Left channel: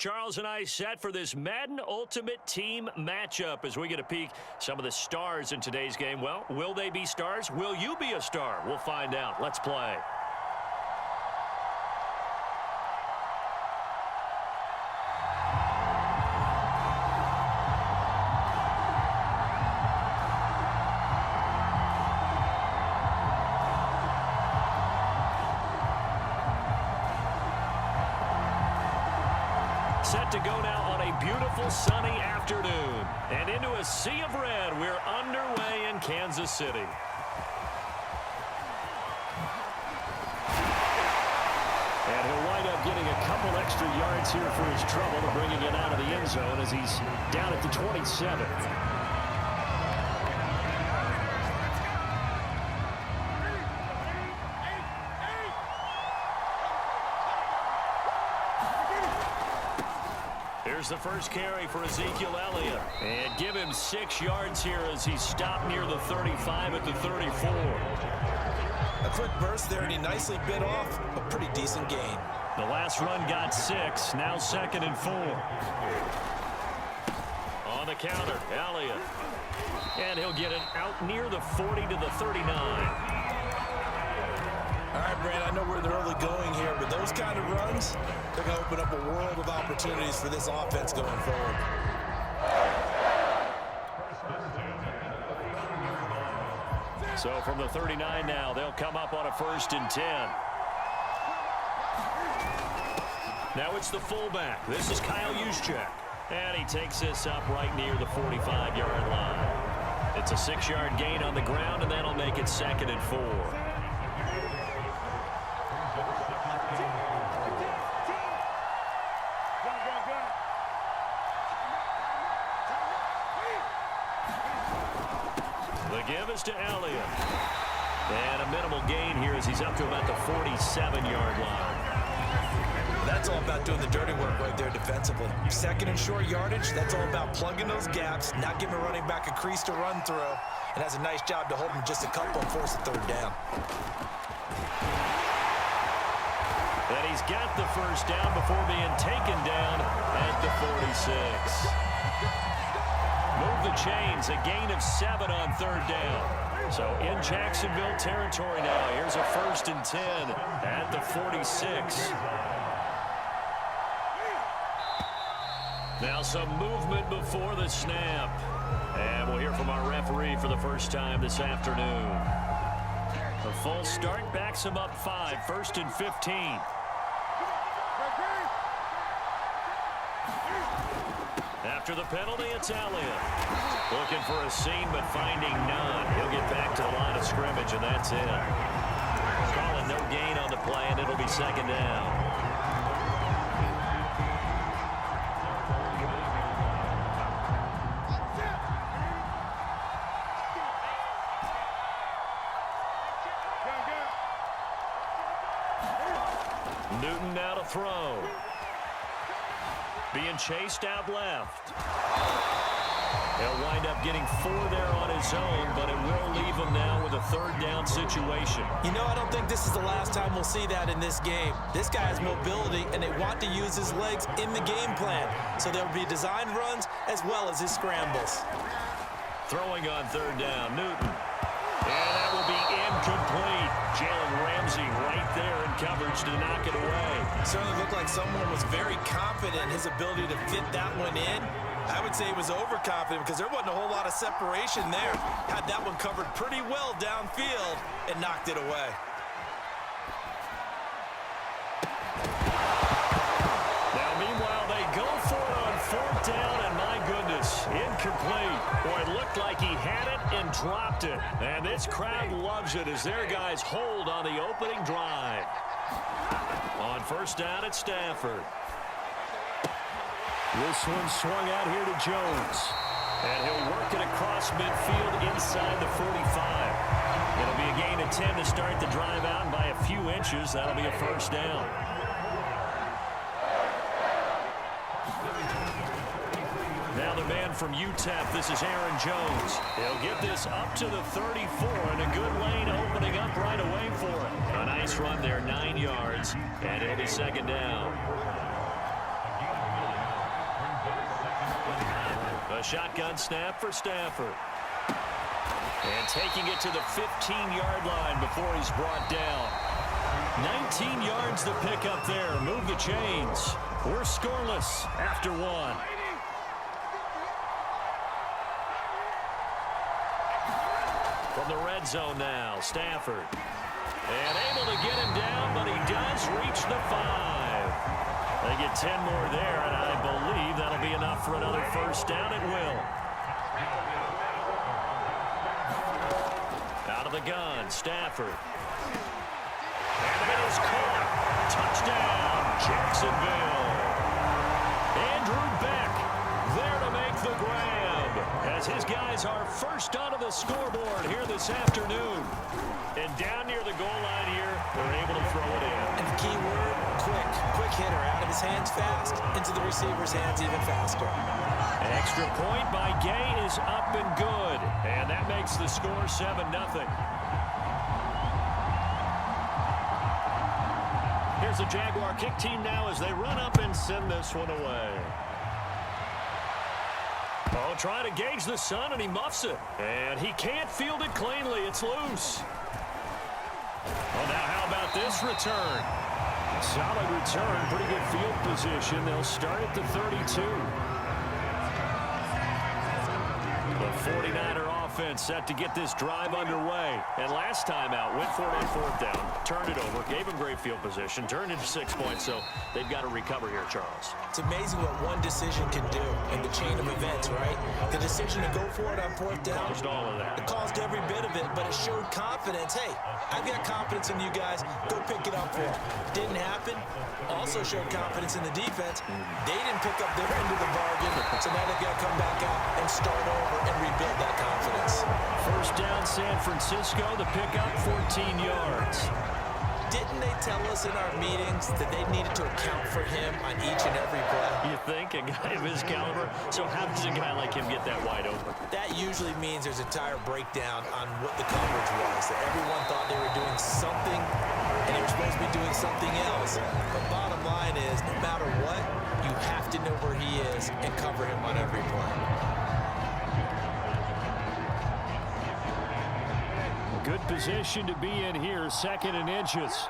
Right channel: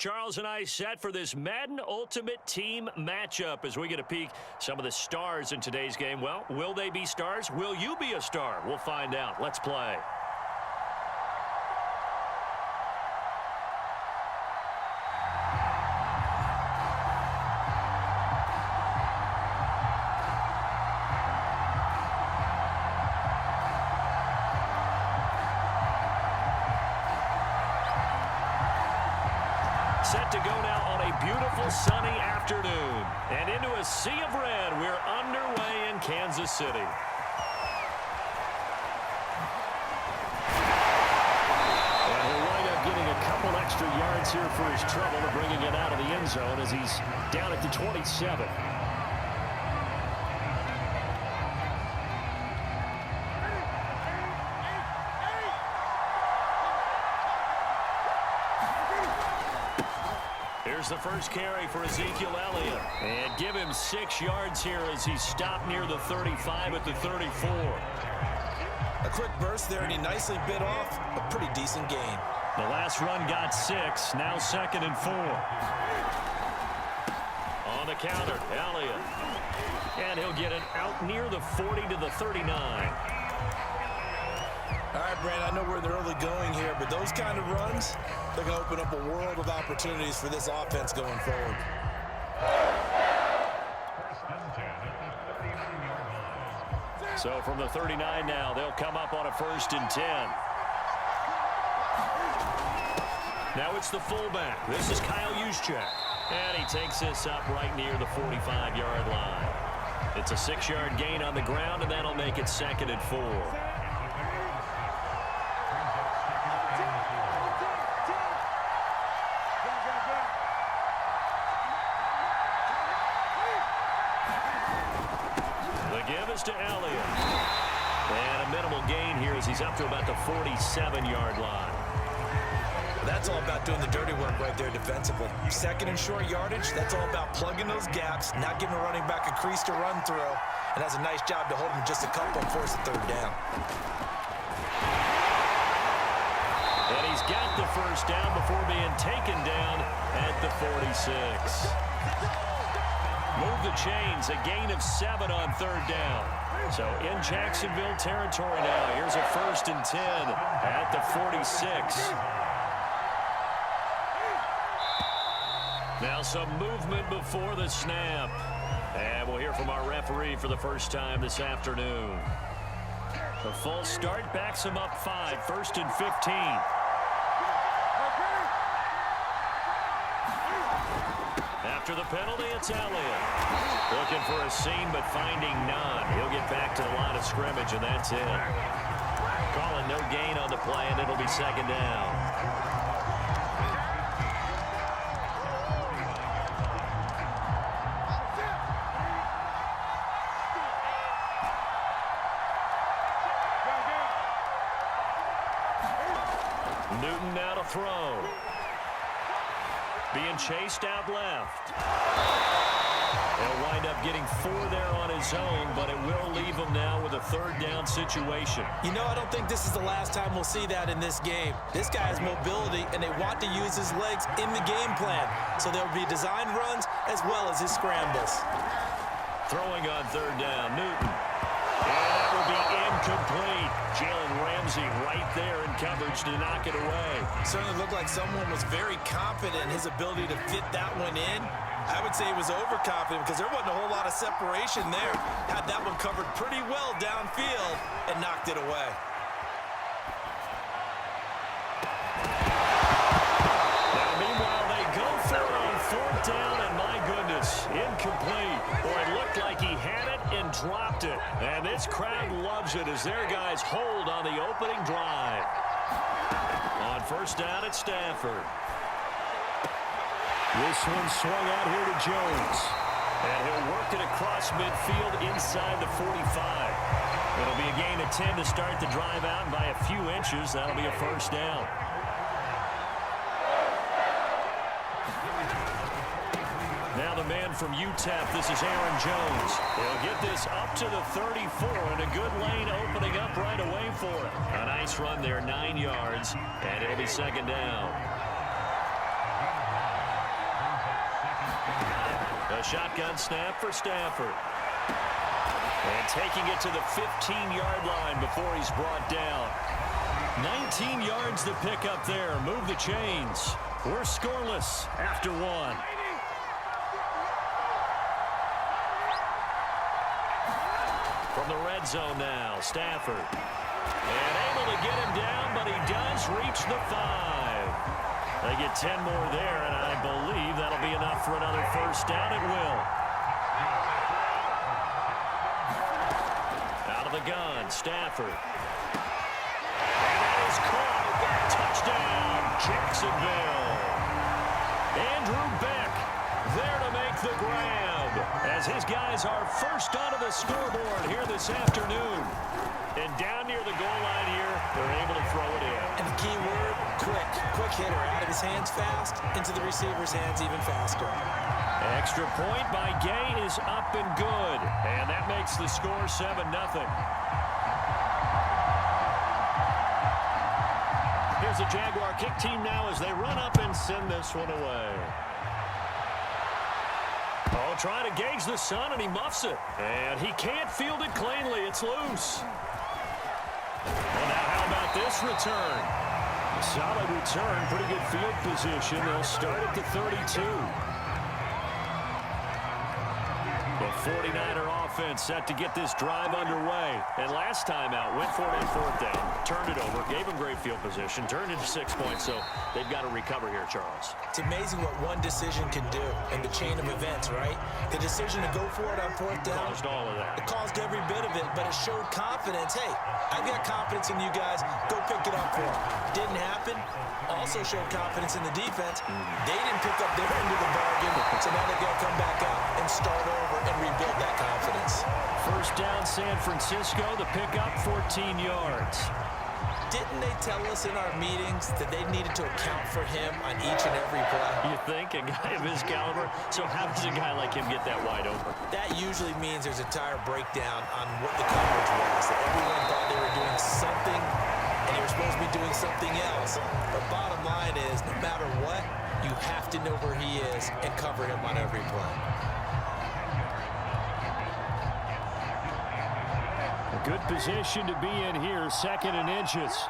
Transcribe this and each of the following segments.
Charles and I set for this Madden Ultimate Team matchup as we get a peek some of the stars in today's game. Well, will they be stars? Will you be a star? We'll find out. Let's play. Set to go now on a beautiful sunny afternoon. And into a sea of red, we're underway in Kansas City. And he'll wind up getting a couple extra yards here for his trouble and bringing it out of the end zone as he's down at the 27. Here's the first carry for Ezekiel Elliott. And give him 6 yards here as he stopped near the 35 at the 34. A quick burst there, and he nicely bit off a pretty decent gain. The last run got 6, now 2nd and 4. On the counter, Elliott. And he'll get it out near the 40 to the 39. All right, Brand, I know we're in the early going here, but those kind of runs, they're going to open up a world of opportunities for this offense going forward. So from the 39 now, they'll come up on a 1st and 10. Now it's the fullback. This is Kyle Juszczyk. And he takes this up right near the 45-yard line. It's a 6-yard gain on the ground, and that'll make it 2nd and 4. The give is to Elliott. And a minimal gain here as he's up to about the 47-yard line. That's all about doing the dirty work right there defensively. 2nd and short yardage, that's all about plugging those gaps, not giving a running back a crease to run through, and has a nice job to hold him just a couple and force a 3rd down. And he's got the 1st down before being taken down at the 46. Move the chains, a gain of 7 on 3rd down. So in Jacksonville territory now. Here's a 1st and 10 at the 46. Now some movement before the snap. And we'll hear from our referee for the first time this afternoon. The full start backs him up 5, 1st and 15. After the penalty, it's Elliott. Looking for a seam, but finding none. He'll get back to the line of scrimmage, and that's it. Calling no gain on the play, and it'll be 2nd down. Newton now to throw. Being chased out left. He'll wind up getting 4 there on his own, but it will leave him now with a 3rd down situation. You know, I don't think this is the last time we'll see that in this game. This guy has mobility, and they want to use his legs in the game plan. So there will be designed runs as well as his scrambles. Throwing on 3rd down, Newton. And that will be incomplete. Jalen Ramsey right there in coverage to knock it away. Certainly looked like someone was very confident in his ability to fit that one in. I would say he was overconfident because there wasn't a whole lot of separation there. Had that one covered pretty well downfield and knocked it away. Now, meanwhile, they go for it on 4th down, and my goodness, incomplete. Boy, it looked like he had it and dropped it. And this crowd loves it as their guys hold on the opening drive. On 1st down, it's Stafford. This one swung out here to Jones. And he'll work it across midfield inside the 45. It'll be a gain of 10 to start the drive out, and by a few inches, that'll be a 1st down. Now the man from UTEP, this is Aaron Jones. He'll get this up to the 34, and a good lane opening up right away for it. A nice run there, 9 yards, and it'll be 2nd down. A shotgun snap for Stafford. And taking it to the 15-yard line before he's brought down. 19 yards to pick up there. Move the chains. We're scoreless after one. From the red zone now, Stafford. And able to get him down, but he does reach the 5. They get 10 more there, and I believe that'll be enough for another first down. It will. Out of the gun, Stafford. And that is caught. Touchdown, Jacksonville. Andrew Beck there to make the grab as his guys are first onto the scoreboard here this afternoon. And down near the goal line here, they're able to throw it in. And the key word, quick. Quick hitter. Out of his hands fast, into the receiver's hands even faster. Extra point by Gay is up and good. And that makes the score 7-0. Here's the Jaguar kick team now as they run up and send this one away. Oh, trying to gauge the sun, and he muffs it. And he can't field it cleanly. It's loose. Well, now how about this return? Solid return, pretty good field position. They'll start at the 32. The 49er offense set to get this drive underway. And last time out, went for it on fourth down, turned it over, gave them great field position, turned into 6 points, so they've got to recover here, Charles. It's amazing what one decision can do in the chain of events, right? The decision to go for it on fourth down. Caused all of that. It caused every bit of it, but it showed confidence. Hey, I've got confidence in you guys. Go pick it up for them. Didn't happen. Also showed confidence in the defense. They didn't pick up their end of the bargain, so now they've got to come back out and start over and rebuild that confidence. First down, San Francisco. The pickup, 14 yards. Didn't they tell us in our meetings that they needed to account for him on each and every play? You think? A guy of his caliber? So how does a guy like him get that wide open? That usually means there's a tire breakdown on what the coverage was, that everyone thought they were doing something and they were supposed to be doing something else. But bottom line is, no matter what, you have to know where he is and cover him on every play. A good position to be in here, 2nd and inches.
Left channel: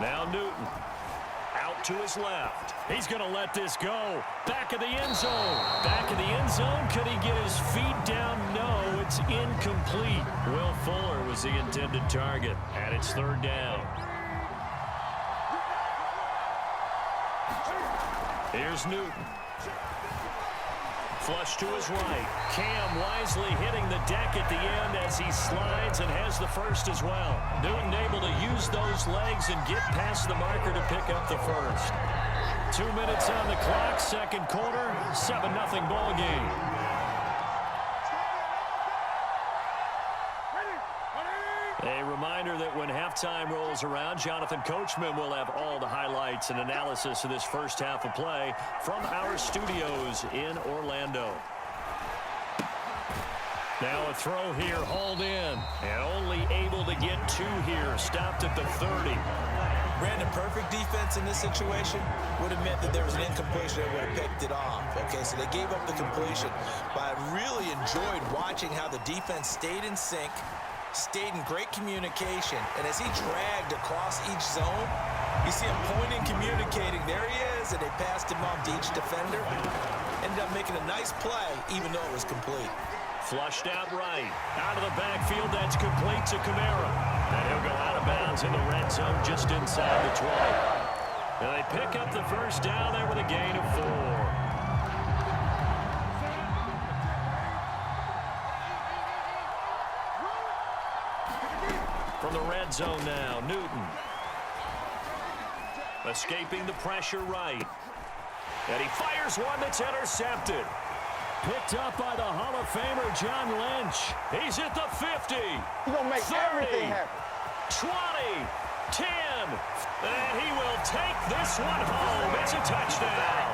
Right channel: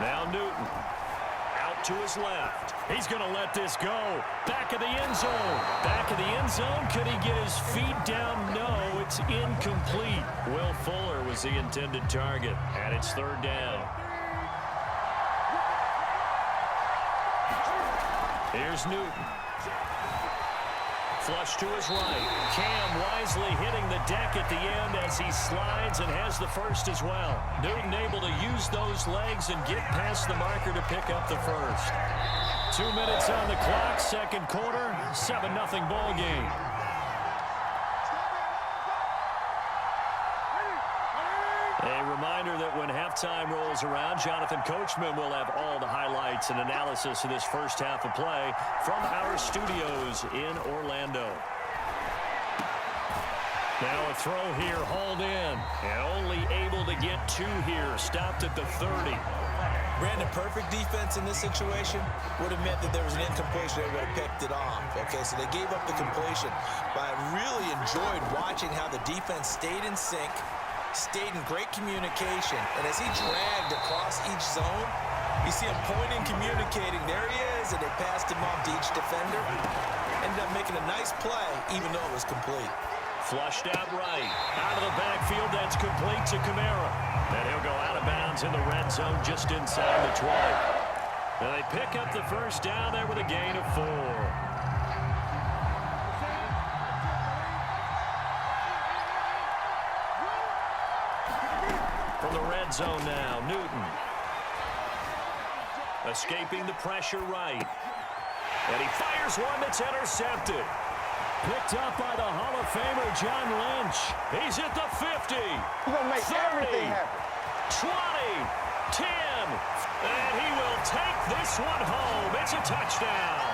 Now Newton. Out to his left. He's going to let this go. Back of the end zone. Back of the end zone. Could he get his feet down? No, it's incomplete. Will Fuller was the intended target, and it's 3rd down. Here's Newton. Flush to his right. Cam wisely hitting the deck at the end as he slides and has the first as well. Newton able to use those legs and get past the marker to pick up the first. 2 minutes on the clock, 2nd quarter, 7-0 ball game. A reminder that when halftime rolls around, Jonathan Coachman will have all the highlights and analysis of this first half of play from our studios in Orlando. Now a throw here, hauled in, and only able to get 2 here, stopped at the 30. Brandon, perfect defense in this situation would have meant that there was an incompletion that would have picked it off. Okay, so they gave up the completion, but I really enjoyed watching how the defense stayed in sync, stayed in great communication, and as he dragged across each zone, you see him pointing, communicating. There he is, and they passed him off to each defender. Ended up making a nice play, even though it was complete. Flushed out right. Out of the backfield, that's complete to Kamara. And he'll go out of bounds in the red zone just inside the 20. And they pick up the first down there with a gain of 4. From the red zone now, Newton. Escaping the pressure right. And he fires one that's intercepted. Picked up by the Hall of Famer, John Lynch. He's at the 50. He's going to make 30, everything happen. 20, 10, and he will take this one home. It's a touchdown.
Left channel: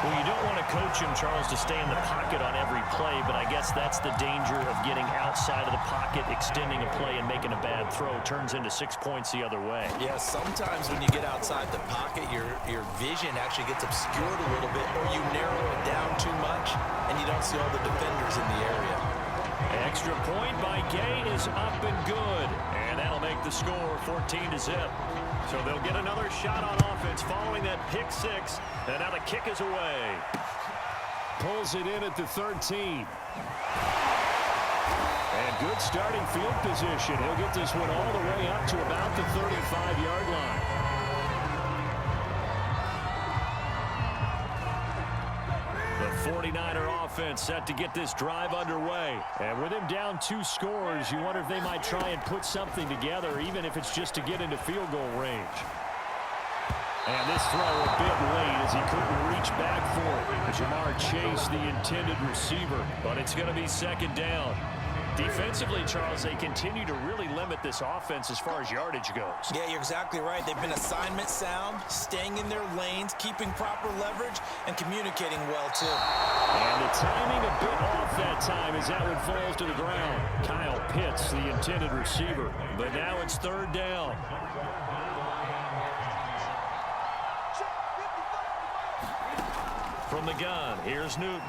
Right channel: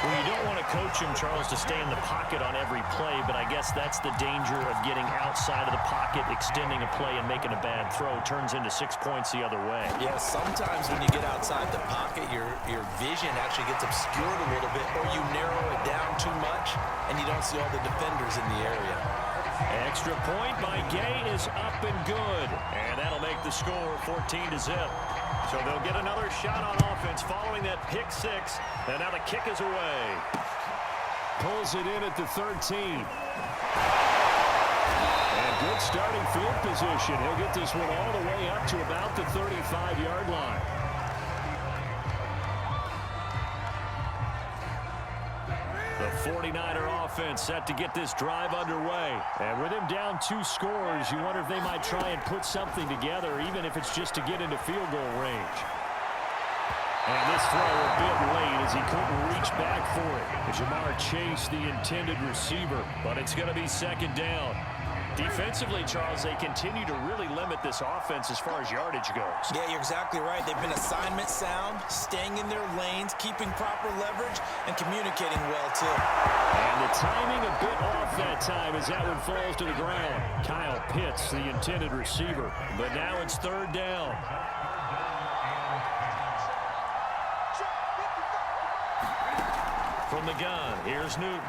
Well, you don't want to coach him, Charles, to stay in the pocket on every play, but I guess that's the danger of getting outside of the pocket, extending a play, and making a bad throw. Turns into 6 points the other way. Yeah, sometimes when you get outside the pocket, your vision actually gets obscured a little bit, or you narrow it down too much, and you don't see all the defenders in the area. Extra point by Gay is up and good, and that'll make the score 14-0. So they'll get another shot on offense following that pick six, and now the kick is away. Pulls it in at the 13. And good starting field position. He'll get this one all the way up to about the 35-yard line. The 49er offense set to get this drive underway. And with him down 2 scores, you wonder if they might try and put something together, even if it's just to get into field goal range. And this throw a bit late as he couldn't reach back for it. Jamar Chase, the intended receiver, but it's going to be second down. Defensively, Charles, they continue to really limit this offense as far as yardage goes. Yeah, you're exactly right. They've been assignment sound, staying in their lanes, keeping proper leverage, and communicating well, too. And the timing a bit off that time as that one falls to the ground. Kyle Pitts, the intended receiver. But now it's third down. From the gun, here's Newton.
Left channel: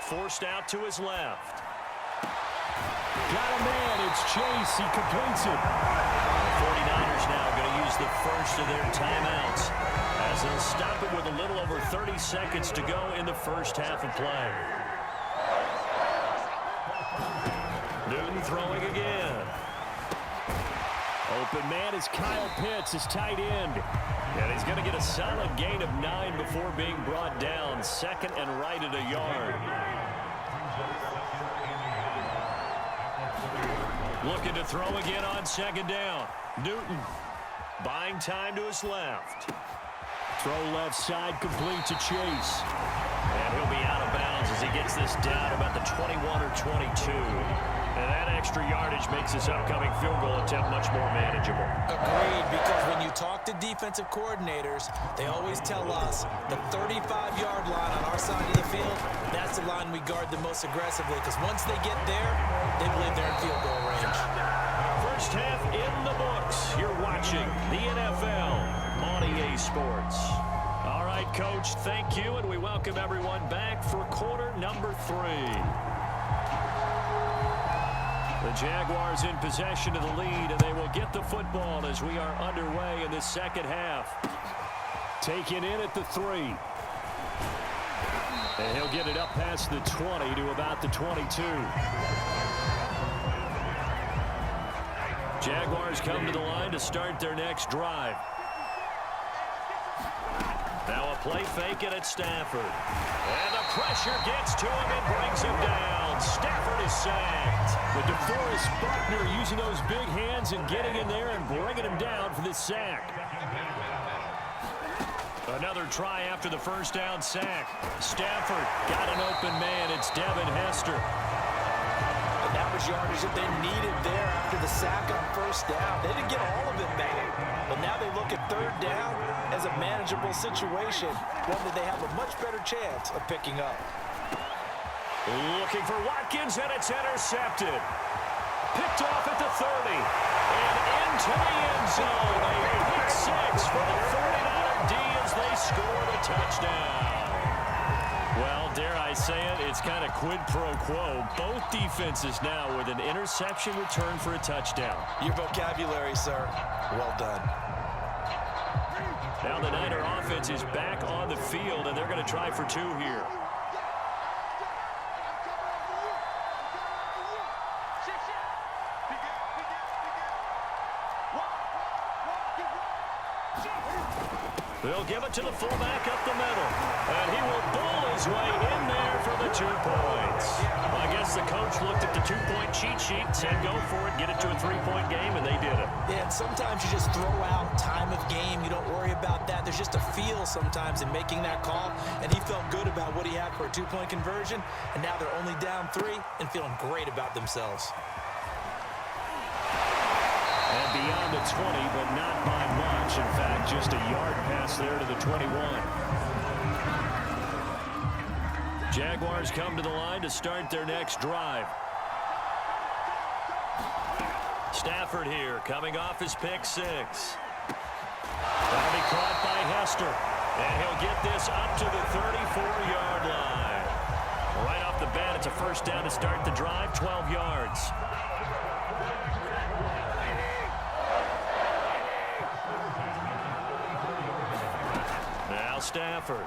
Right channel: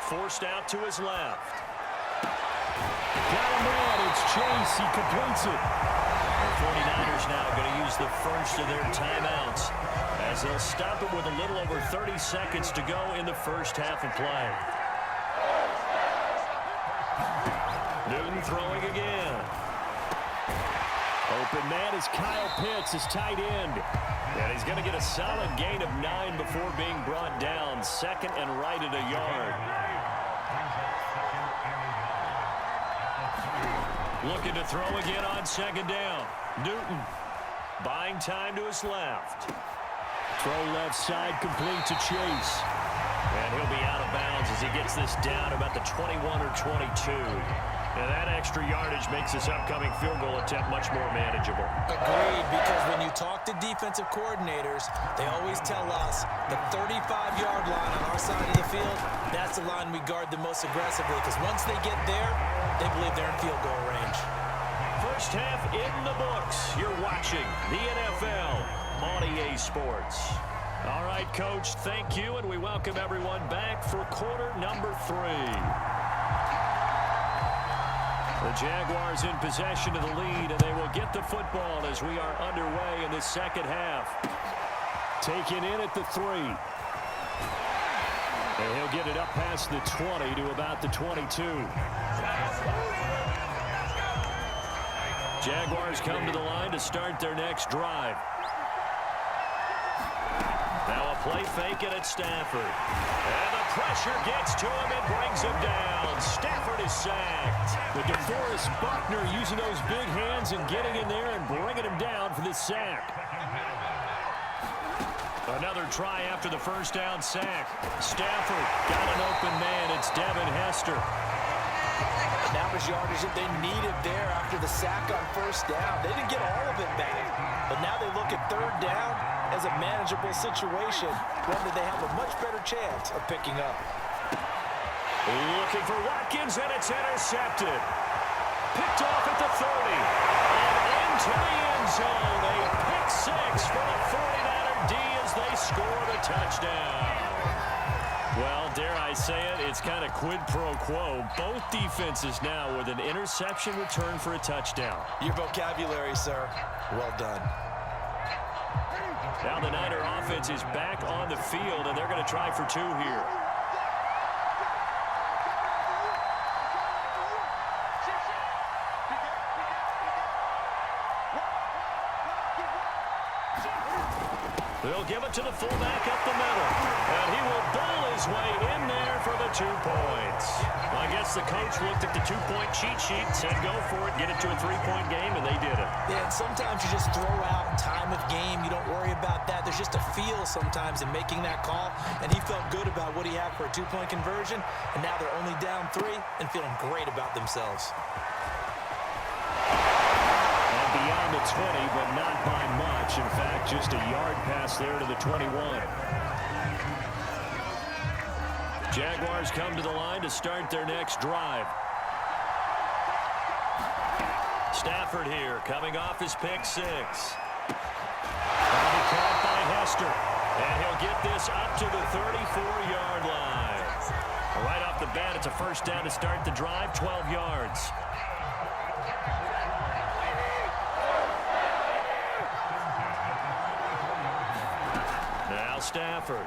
Forced out to his left. Got a man, it's Chase, he completes it. The 49ers now going to use the first of their timeouts as they'll stop it with a little over 30 seconds to go in the first half of play. Newton throwing again. Open man is Kyle Pitts, his tight end. And he's going to get a solid gain of 9 before being brought down. Second and right at a yard. Looking to throw again on second down. Newton buying time to his left. Throw left side complete to Chase. And he'll be out of bounds as he gets this down about the 21 or 22. And that extra yardage makes this upcoming field goal attempt much more manageable. Agreed, because when you talk to defensive coordinators, they always tell us the 35-yard line on our side of the field, that's the line we guard the most aggressively, because once they get there, they believe they're in field goal range. First half in the books. You're watching the NFL on EA Sports. All right, Coach, thank you, and we welcome everyone back for quarter number 3. The Jaguars in possession of the lead, and they will get the football as we are underway in this second half. Taken in at the 3. And he'll get it up past the 20 to about the 22. Jaguars come to the line to start their next drive. Now a play fake it at Stafford. And the pressure gets to him and brings him down. Stafford is sacked. But DeForest Buckner using those big hands and getting in there and bringing him down for this sack. Another try after the first down sack. Stafford got an open man. It's Devin Hester. And that was yardage that they needed there after the sack on first down. They didn't get all of it back. But now they look at third down as a manageable situation, one that they have a much better chance of picking up. Looking for Watkins, and it's intercepted. Picked off at the 30. And into the end zone. A pick six for the 49er D as they score the touchdown. Well, dare I say it, it's kind of quid pro quo. Both defenses now with an interception return for a touchdown. Your vocabulary, sir. Well done. Now the Niner offense is back on the field, and they're going to try for 2 here. They'll give it to the fullback up the middle. And he will bowl his way in there for the 2 points. Well, I guess the coach looked at the 2-point cheat sheet, said go for it, get it to a 3-point game, and they did it. Yeah, and sometimes you just throw out time of game. You don't worry about that. There's just a feel sometimes in making that call, and he felt good about what he had for a 2-point conversion, and now they're only down 3 and feeling great about themselves. And beyond the 20, but not by much. In fact, just a yard pass there to the 21. Jaguars come to the line to start their next drive. Stafford here, coming off his pick six. That'll be caught by Hester. And he'll get this up to the 34-yard line. Right off the bat, it's a first down to start the drive, 12 yards. Now Stafford.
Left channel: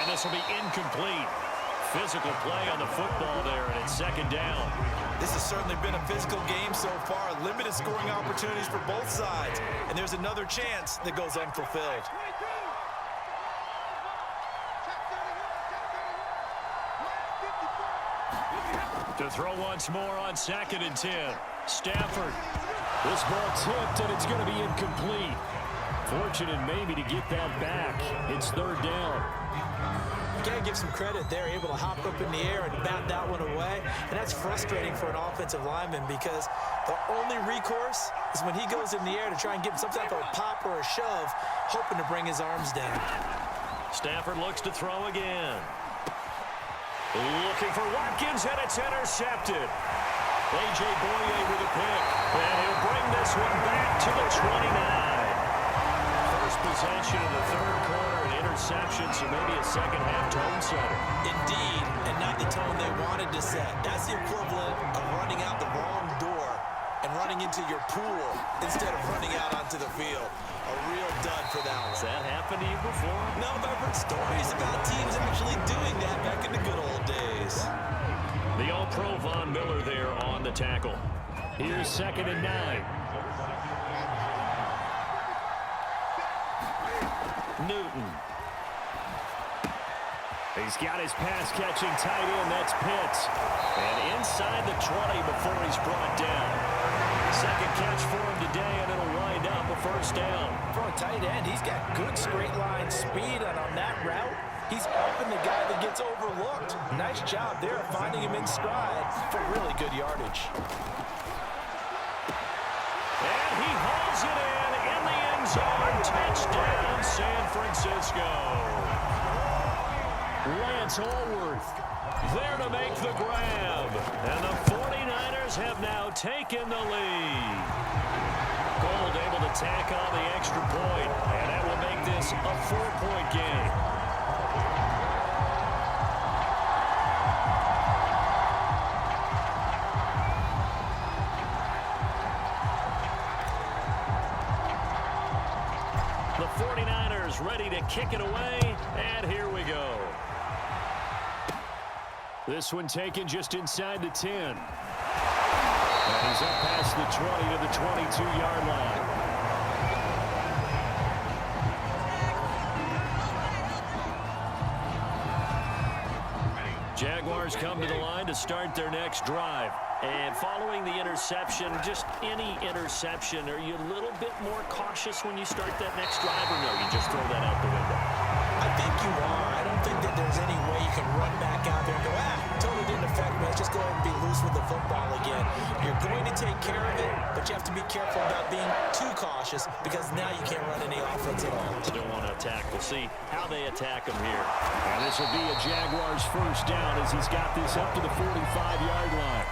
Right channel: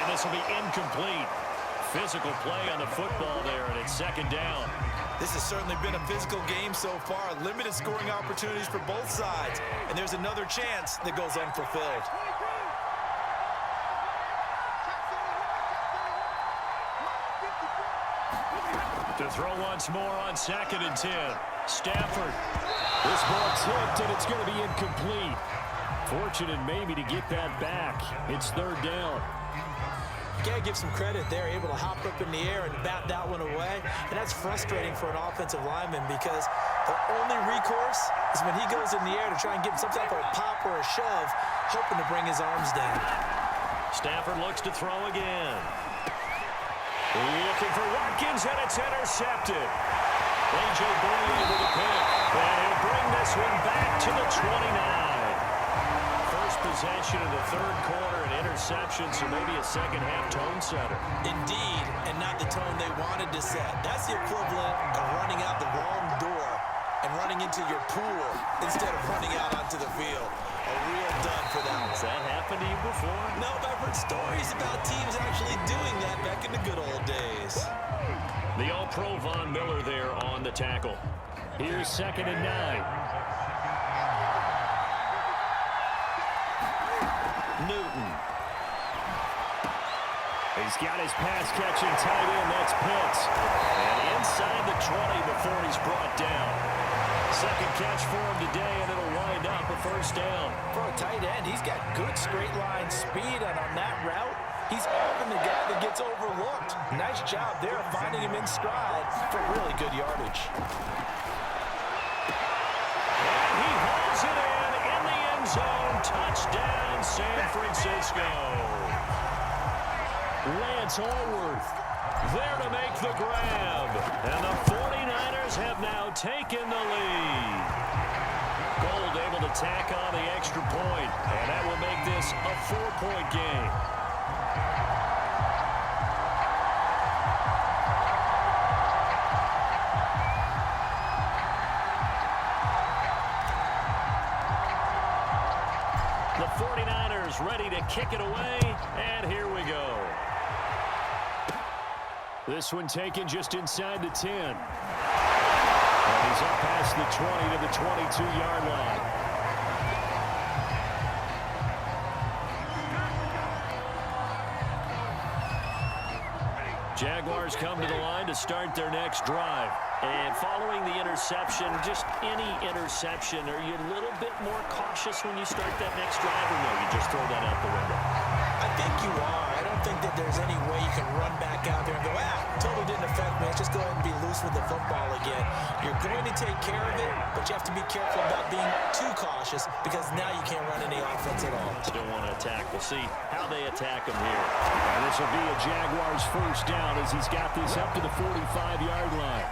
And this will be incomplete. Physical play on the football there, and it's second down. This has certainly been a physical game so far. Limited scoring opportunities for both sides. And there's another chance that goes unfulfilled. To throw once more on 2nd and 10. Stafford. This ball tipped, and it's going to be incomplete. Fortunate maybe to get that back. It's third down. You got to give some credit. They're able to hop up in the air and bat that one away. And that's frustrating for an offensive lineman because the only recourse is when he goes in the air to try and get some type of a pop or a shove, hoping to bring his arms down. Stafford looks to throw again. Looking for Watkins, and it's intercepted. A.J. Boye with a pick. And he'll bring this one back to the 29. First possession of the third quarter, an interception, so maybe a second-half tone setter. Indeed, and not the tone they wanted to set. That's the equivalent of running out the wrong door and running into your pool instead of running out onto the field. A real dud for that one. Has that happened to you before? No, but I've heard stories about teams actually doing that back in the good old days. The All-Pro Von Miller there on the tackle. Here's 2nd and 9. Newton. He's got his pass-catching tight end. That's Pitts. And inside the 20 before he's brought down. Second catch for him today, and it'll wind up a first down. For a tight end, he's got good straight-line speed, and on that route, he's often the guy that gets overlooked. Nice job there finding him in stride for really good yardage. And he holds it in the end zone. Touchdown, San Francisco. Lance Allworth there to make the grab. And the 49ers have now taken the lead. Gold able to tack on the extra point, and that will make this a 4-point game. The 49ers ready to kick it away, and here we go. This one taken just inside the 10. And he's up past the 20 to the 22-yard line. Jaguars come to the line to start their next drive. And following the interception, just any interception, are you a little bit more cautious when you start that next drive, or no, you just throw that out the window? I think you are. I don't think that there's any way you can run back out there and go, totally didn't affect me. Let's just go ahead and be loose with the football again. You're going to take care of it, but you have to be careful about being too cautious because now you can't run any offense at all. Still want to attack. We'll see how they attack him here. And this will be a Jaguars first down as he's got this up to the 45-yard line.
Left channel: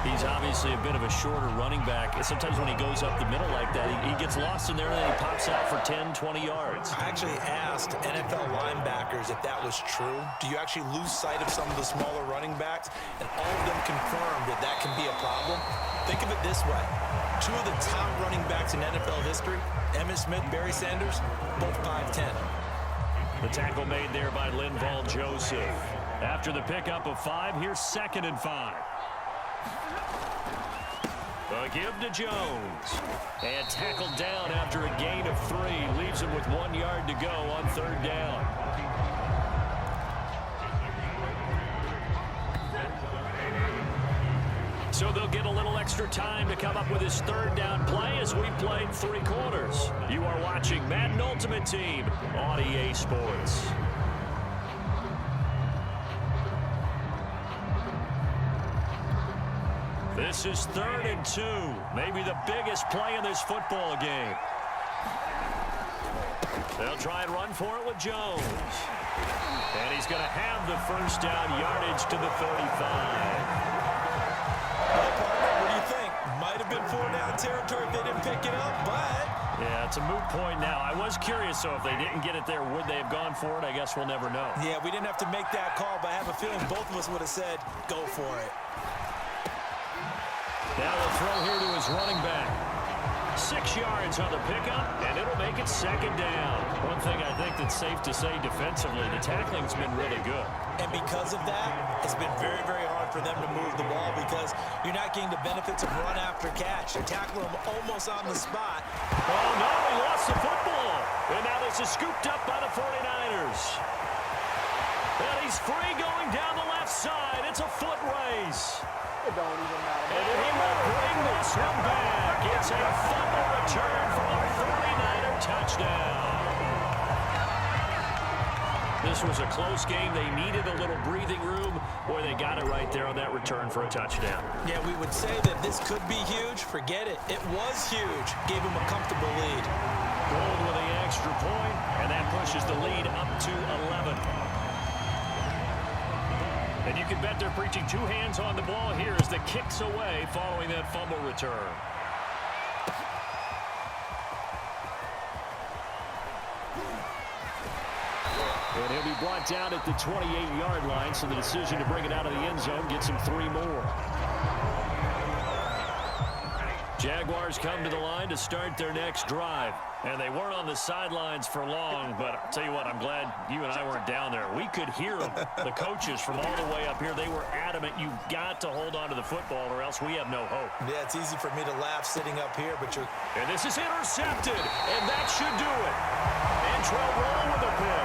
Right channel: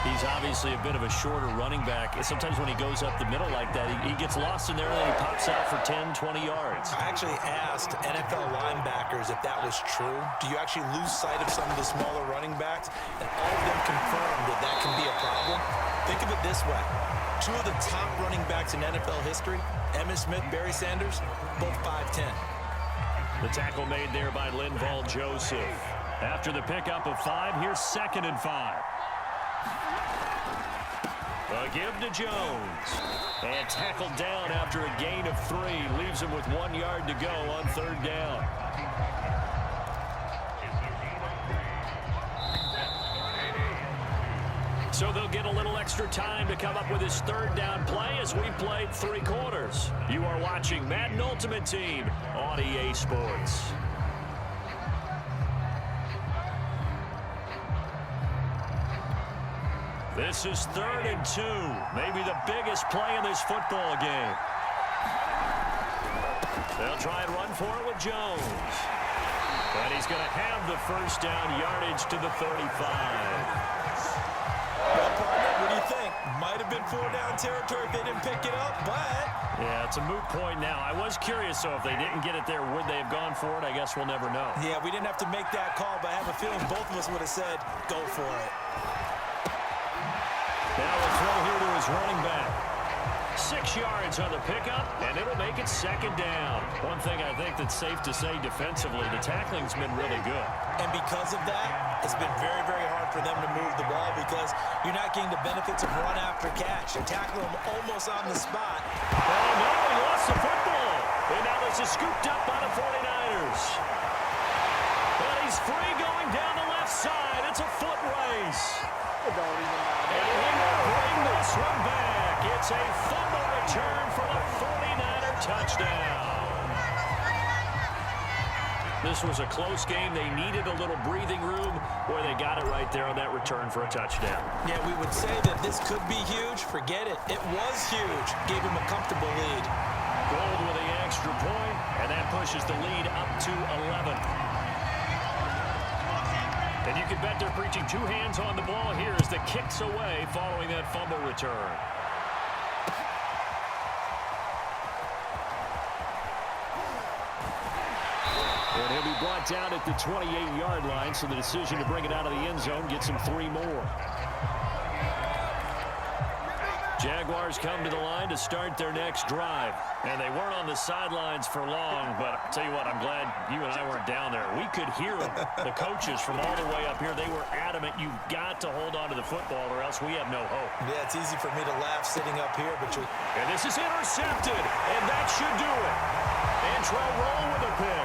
He's obviously a bit of a shorter running back. Sometimes when he goes up the middle like that, he gets lost in there and then he pops out for 10, 20 yards. I actually asked NFL linebackers if that was true. Do you actually lose sight of some of the smaller running backs? And all of them confirmed that that can be a problem. Think of it this way. Two of the top running backs in NFL history, Emmitt Smith, Barry Sanders, both 5'10". The tackle made there by Linval Joseph. After the pickup of 5, here's 2nd and 5. A give to Jones. And tackled down after a gain of 3. Leaves him with 1 yard to go on third down. So they'll get a little extra time to come up with his third down play as we played 3 quarters. You are watching Madden Ultimate Team on EA Sports. This is 3rd and 2. Maybe the biggest play in this football game. They'll try and run for it with Jones. And he's going to have the first down, yardage to the 35. Well, partner, what do you think? Might have been 4-down territory if they didn't pick it up, but... Yeah, it's a moot point now. I was curious, so if they didn't get it there, would they have gone for it? I guess we'll never know. Yeah, we didn't have to make that call, but I have a feeling both of us would have said, go for it. Now we'll throw here to his running back. 6 yards on the pickup, and it'll make it second down. One thing I think that's safe to say defensively, the tackling's been really good. And because of that, it's been very, very hard for them to move the ball because you're not getting the benefits of run after catch. You're tackling them almost on the spot. Oh, no, he lost the football. And now this is scooped up by the 49ers. And he's free going down the left side. It's a foot race. It don't even matter. And he will bring this one back. It's a fumble return for a 49er touchdown. This was a close game. They needed a little breathing room. Boy, they got it right there on that return for a touchdown. Yeah, we would say that this could be huge. Forget it. It was huge. Gave him a comfortable lead. Gold with the extra point, and that pushes the lead up to 11. And you can bet they're preaching 2 hands on the ball here as the kick's away following that fumble return. And he'll be brought down at the 28-yard line, so the decision to bring it out of the end zone gets him 3 more. Jaguars come to the line to start their next drive. And they weren't on the sidelines for long, but I'll tell you what, I'm glad you and I weren't down there. We could hear them, the coaches from all the way up here. They were adamant, you've got to hold on to the football or else we have no hope. Yeah, it's easy for me to laugh sitting up here, but you're... And this is intercepted, and that should do it. Antrell Roll with a pick.